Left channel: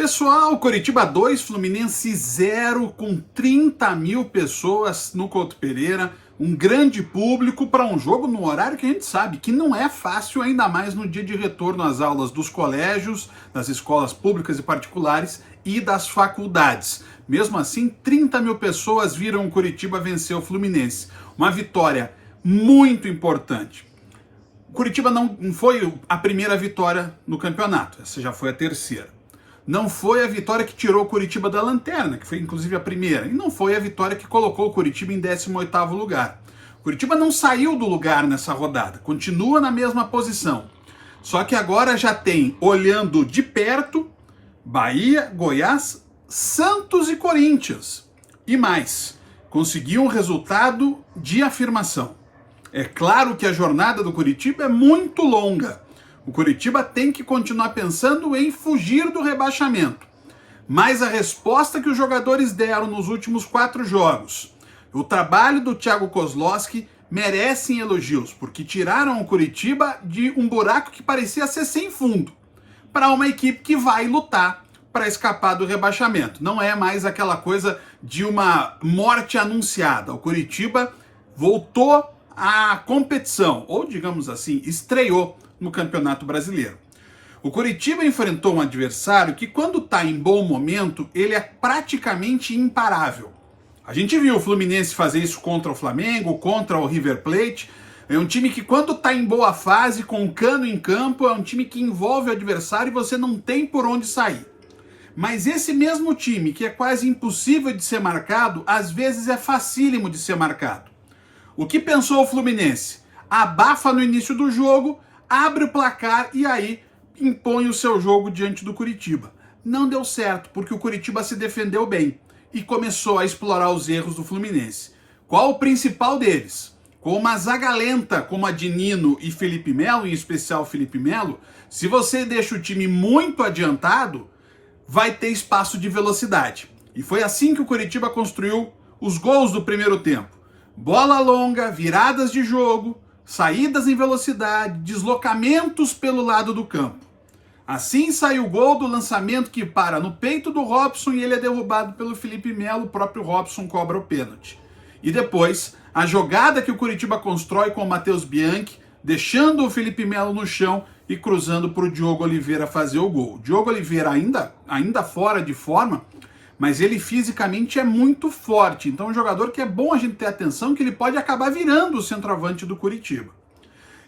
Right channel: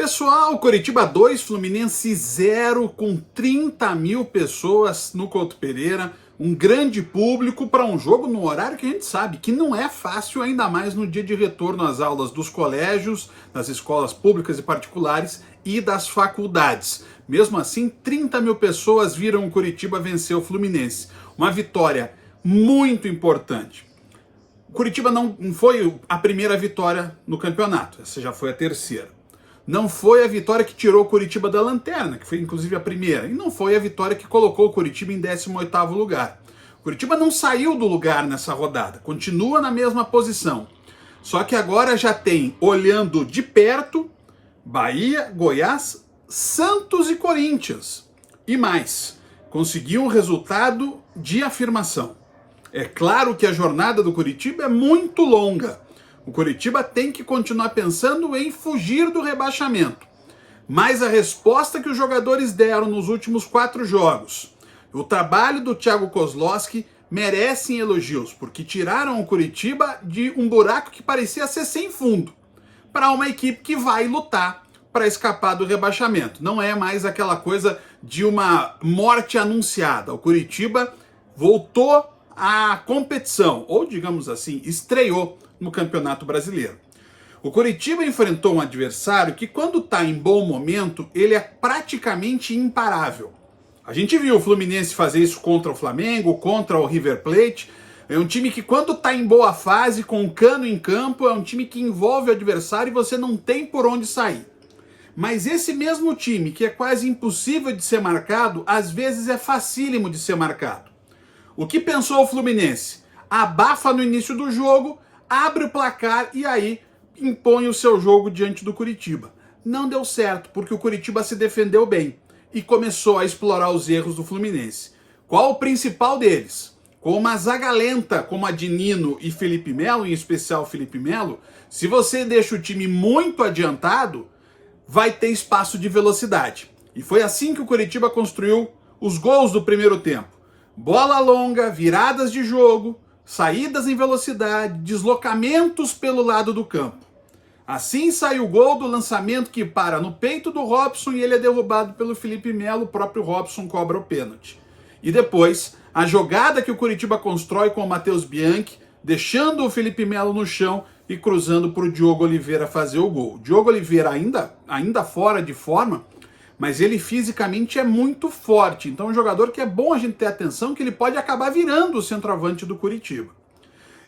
Pessoal, Coritiba 2, Fluminense 0, com 30 mil pessoas no Couto Pereira, um grande público para um jogo no horário que a gente sabe que não é fácil, ainda mais no dia de retorno às aulas dos colégios, das escolas públicas e particulares e das faculdades. Mesmo assim, 30 mil pessoas viram o Coritiba vencer o Fluminense. Uma vitória muito importante. O Coritiba não foi a primeira vitória no campeonato, essa já foi a terceira. Não foi a vitória que tirou o Coritiba da lanterna, que foi inclusive a primeira, e não foi a vitória que colocou o Coritiba em 18º lugar. O Coritiba não saiu do lugar nessa rodada, continua na mesma posição. Só que agora já tem, olhando de perto, Bahia, Goiás, Santos e Corinthians. E mais, conseguiu um resultado de afirmação. É claro que a jornada do Coritiba é muito longa. O Coritiba tem que continuar pensando em fugir do rebaixamento. Mas a resposta que os jogadores deram nos últimos 4 jogos, o trabalho do Thiago Kozlowski merecem elogios, porque tiraram o Coritiba de um buraco que parecia ser sem fundo, para uma equipe que vai lutar para escapar do rebaixamento. Não é mais aquela coisa de uma morte anunciada. O Coritiba voltou à competição, ou digamos assim, estreou no Campeonato Brasileiro. O Coritiba enfrentou um adversário que, quando está em bom momento, ele é praticamente imparável. A gente viu o Fluminense fazer isso contra o Flamengo, contra o River Plate. É um time que, quando está em boa fase, com o Cano em campo, é um time que envolve o adversário e você não tem por onde sair. Mas esse mesmo time, que é quase impossível de ser marcado, às vezes é facílimo de ser marcado. O que pensou o Fluminense? Abafa no início do jogo, abre o placar e aí impõe o seu jogo diante do Coritiba. Não deu certo, porque o Coritiba se defendeu bem e começou a explorar os erros do Fluminense. Qual o principal deles? Com uma zaga lenta como a de Nino e Felipe Melo, em especial Felipe Melo, se você deixa o time muito adiantado, vai ter espaço de velocidade. E foi assim que o Coritiba construiu os gols do primeiro tempo. Bola longa, viradas de jogo, saídas em velocidade, deslocamentos pelo lado do campo. Assim sai o gol do lançamento que para no peito do Robson e ele é derrubado pelo Felipe Melo, o próprio Robson cobra o pênalti. E depois, a jogada que o Coritiba constrói com o Matheus Bianchi, deixando o Felipe Melo no chão e cruzando para o Diogo Oliveira fazer o gol. O Diogo Oliveira ainda fora de forma, mas ele fisicamente é muito forte. Então é um jogador que é bom a gente ter atenção, que ele pode acabar virando o centroavante do Coritiba.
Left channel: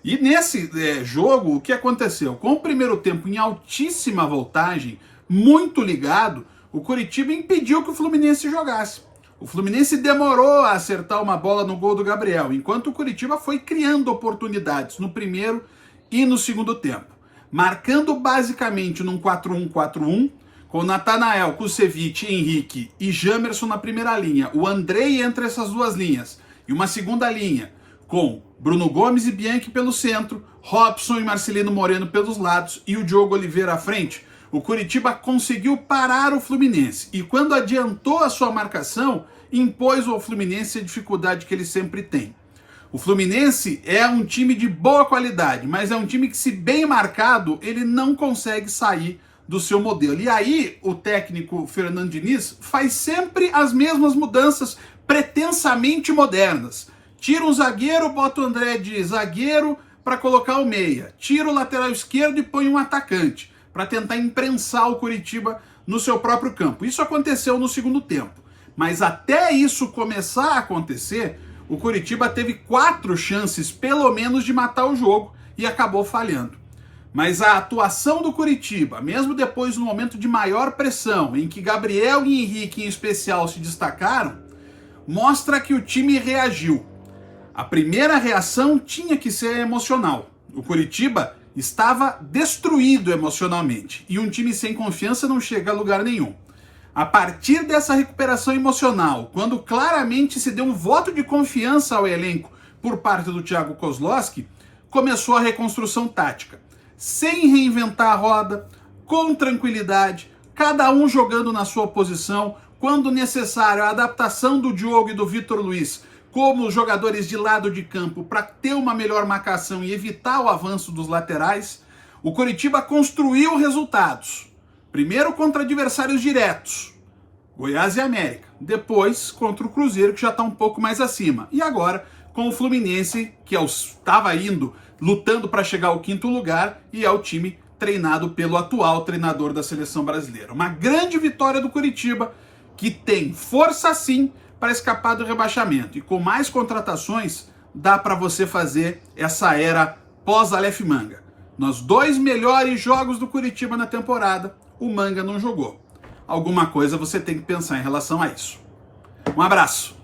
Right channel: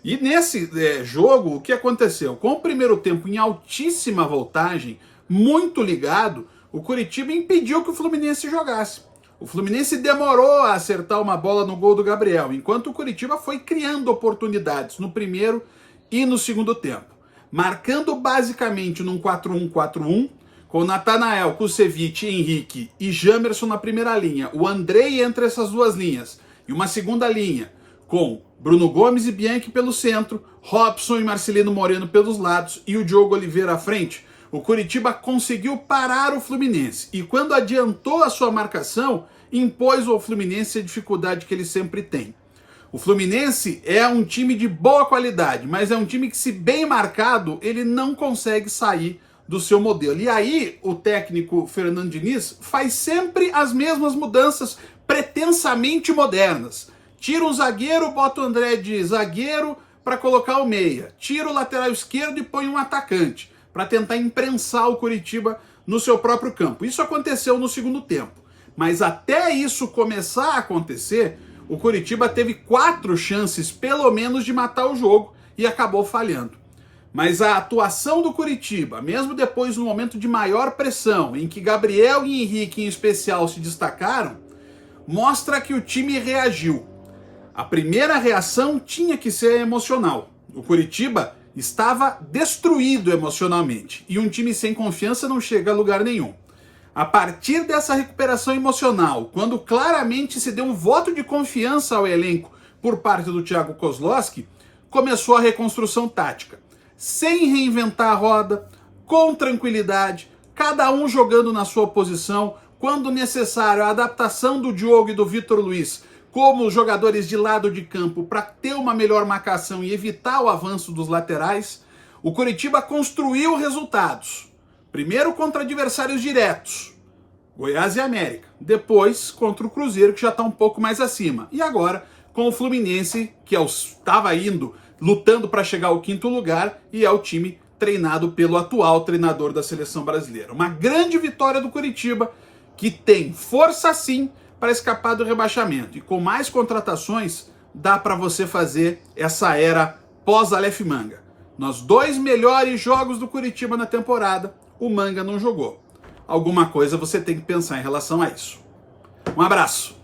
E nesse jogo, o que aconteceu? Com o primeiro tempo em altíssima voltagem, muito ligado, o Coritiba impediu que o Fluminense jogasse. O Fluminense demorou a acertar uma bola no gol do Gabriel, enquanto o Coritiba foi criando oportunidades no primeiro e no segundo tempo. Marcando basicamente num 4-1-4-1, com Natanael, Kusevich, Henrique e Jamerson na primeira linha, o Andrei entre essas duas linhas, e uma segunda linha com Bruno Gomes e Bianchi pelo centro, Robson e Marcelino Moreno pelos lados e o Diogo Oliveira à frente, o Coritiba conseguiu parar o Fluminense e quando adiantou a sua marcação, impôs ao Fluminense a dificuldade que ele sempre tem. O Fluminense é um time de boa qualidade, mas é um time que, se bem marcado, ele não consegue sair do seu modelo. E aí, o técnico Fernando Diniz faz sempre as mesmas mudanças pretensamente modernas. Tira um zagueiro, bota o André de zagueiro para colocar o meia. Tira o lateral esquerdo e põe um atacante para tentar imprensar o Coritiba no seu próprio campo. Isso aconteceu no segundo tempo. Mas até isso começar a acontecer, o Coritiba teve 4 chances, pelo menos, de matar o jogo e acabou falhando. Mas a atuação do Coritiba, mesmo depois do momento de maior pressão, em que Gabriel e Henrique em especial se destacaram, mostra que o time reagiu. A primeira reação tinha que ser emocional. O Coritiba estava destruído emocionalmente e um time sem confiança não chega a lugar nenhum. A partir dessa recuperação emocional, quando claramente se deu um voto de confiança ao elenco por parte do Thiago Kozlowski, começou a reconstrução tática. Sem reinventar a roda, com tranquilidade, cada um jogando na sua posição, quando necessário a adaptação do Diogo e do Vitor Luiz como jogadores de lado de campo para ter uma melhor marcação e evitar o avanço dos laterais, o Coritiba construiu resultados. Primeiro contra adversários diretos, Goiás e América. Depois contra o Cruzeiro, que já está um pouco mais acima. E agora com o Fluminense, que estava indo, lutando para chegar ao 5º lugar, e é o time treinado pelo atual treinador da seleção brasileira. Uma grande vitória do Coritiba, que tem força sim para escapar do rebaixamento. E com mais contratações, dá para você fazer essa era pós-Aleph Manga. Nos 2 melhores jogos do Coritiba na temporada, o Manga não jogou. Alguma coisa você tem que pensar em relação a isso. Um abraço!